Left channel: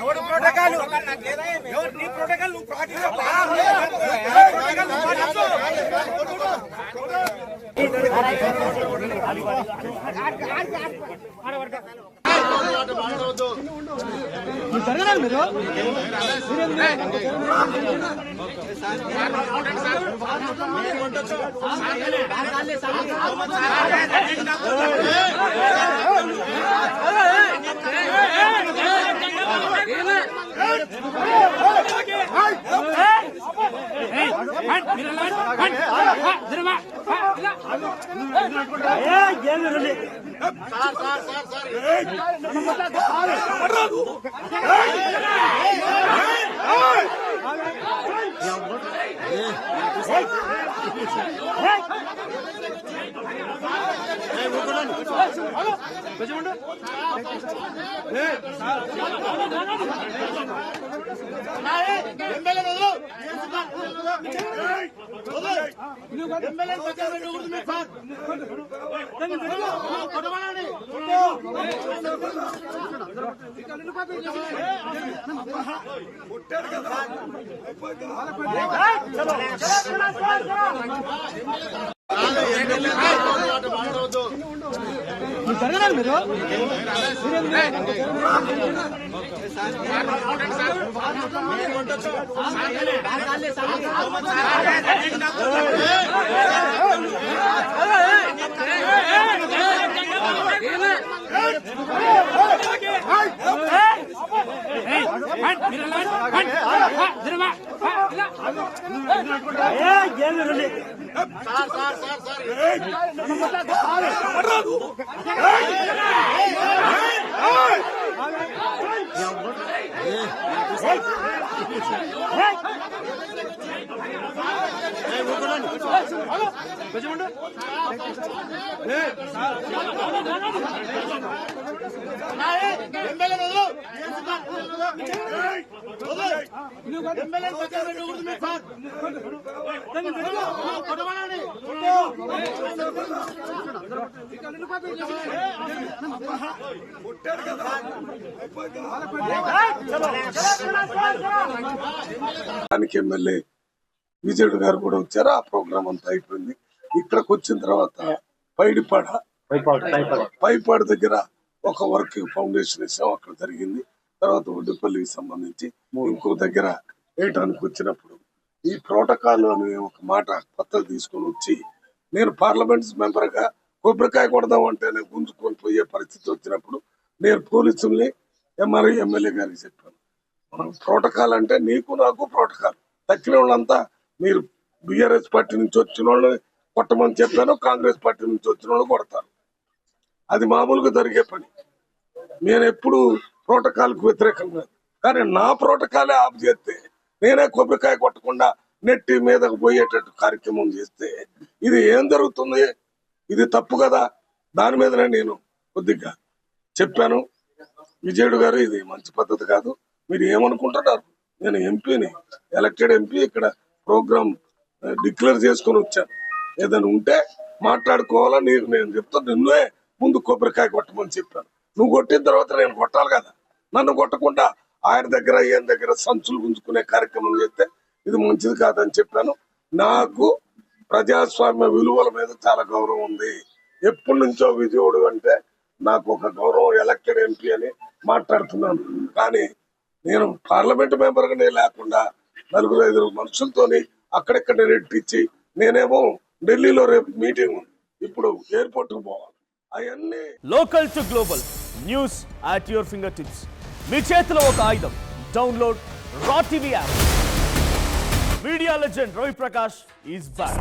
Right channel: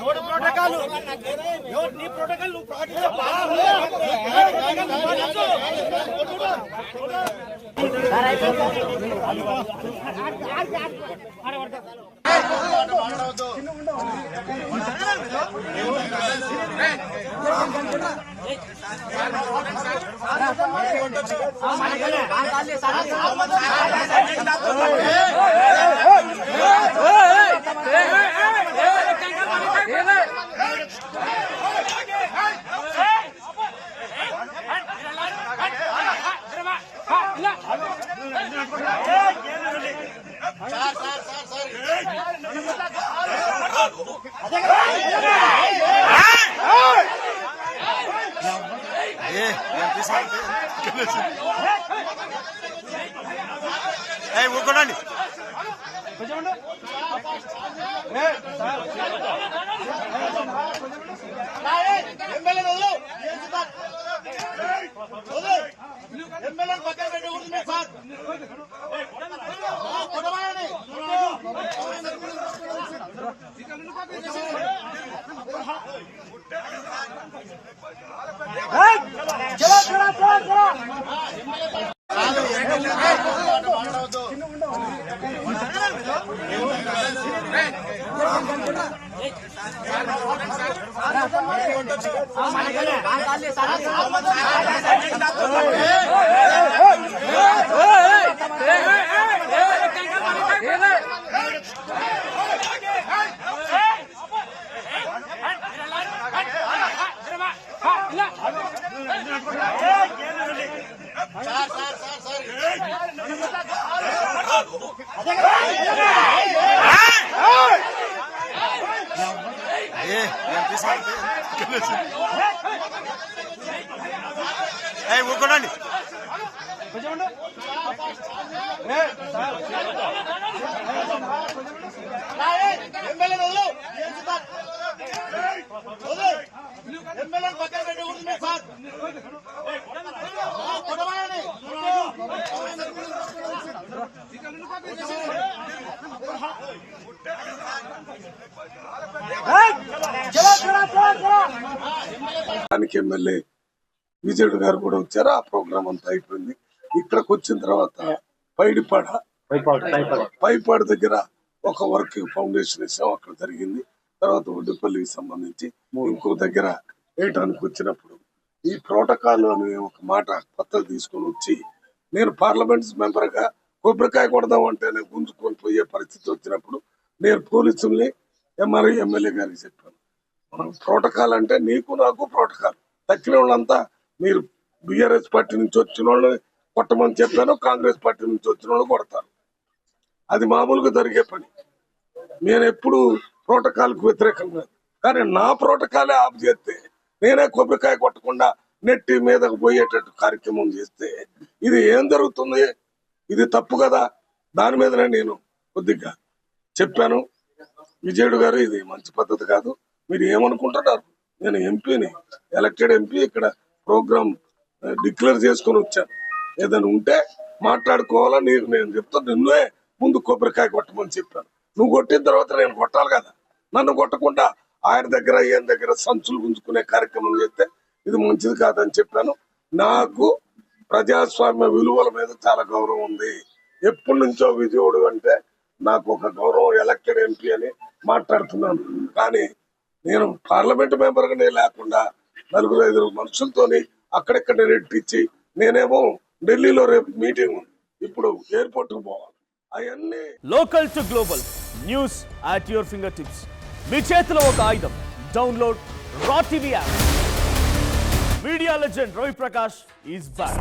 ఎవరు ప్రోటోకాలు ఎవరు నీ ప్రోటోకాల్ నువ్వు పాటించబ్బా ఊరుకోండి కొంచెం ఊరుకోండి కొంచెం ఎమ్మెల్యే విజయుడు గారు కూడా వచ్చారు. ఆ ప్రోగ్రామ్ అంతా అయిపోయింది. ఇక్కడికి వచ్చిన తర్వాత పైపాడు దగ్గర ఒక వర్క్ ఫౌండేషన్ ఇస్తాం, అక్కడ జరిగింది. తర్వాత ఒడ్డుపల్లికి సంబంధించి ఇంకో దగ్గర వేయడానికి వచ్చినప్పుడు ఈ ప్రోటోకాల్ అనే ఒక మాట పత్రం తీసుకొని వచ్చి నేను పార్లమెంట్ మెంబర్ గా కొబ్బరికాయ కొడదాం అంటేనే గుంజుకొని పోయే పరిస్థితి వచ్చినప్పుడు నేను పోలీసుల్ని ఎమ్మెల్యే గారికి చెప్పాను. ప్రోటోకాల్ అంటే నీకు నాకు ప్రోటోకాల్, తక్కిన వాళ్ళంతా మీరు బీఆర్ఎస్ పార్టీ నుంచి వచ్చిన వాళ్ళని కొట్టమని చెప్పాను, కాంగ్రెస్ పార్టీ నుంచి వచ్చిన వాళ్ళు కొడతారు. అది మామూలుగా జరిగే పని. నేను ఎప్పుడు ప్రోటోకాల్ కు వ్యతిరేకం కాదు, కానీ నా ప్రోటోకాలే ఆఫ్ చేస్తే నేనే కొబ్బరికాయ కొట్టకుండా నెట్టి మీదకు పోయేటట్టు కార్యక్రమం చేస్తే ఇది ఏం జరుగుతుంది? ఇది తప్పు కదా. దాని మీదనే నేను కొద్దిగా చెప్పాను. విజయుడు గారు ఇది మంచి పద్ధతి కాదు, మీరు ఏమనుకుంటున్నారు? నేను ఎంపీని, ఎలక్టెడ్ ఎంపీ, ఇక్కడ ప్రోగ్రామ్ డిక్లేర్ చేసుకొని వచ్చాను. ఏదైనా ఉంటే మాట్లాడుకోవాలా, నేను చెప్తాను. నిన్నే ముందు కొబ్బరికాయ కొట్టమని చెప్పాను. నువ్వు కొట్టిన తర్వాత నేను కొట్టాలి కదా. నన్ను కొట్టకుండా ఆయన దగ్గర ఈయన దగ్గర సంచులు గుంజుకునే కార్యక్రమం చేస్తే ఇది మంచిది కాదని చెప్పాను. నాకు ప్రజాస్వామ్య విలువల మీద చాలా గౌరవం ఉంది. ఎప్పటి నుంచో విజయుడు అంటే నాకు ఒక గౌరవం, ఎలక్టెడ్ ఎంపీ అని మాట్లాడుతున్నాను. కానీ నేను పార్లమెంట్ మెంబర్ గానే లేకుండా 4-5 మనుషులతోని అక్కడెక్కడ రెట్టించి నేనేమో ఢిల్లీలో రేపు మీటింగ్ ఉంది, ఇప్పుడు ఎయిర్పోర్ట్ కు పోవాలి. అవన్నీ local to global news at your finger tips. మీ చేతిలో ఒక ఆయుధం. Download Raw TV app. Media legend Ravi Prakash is back.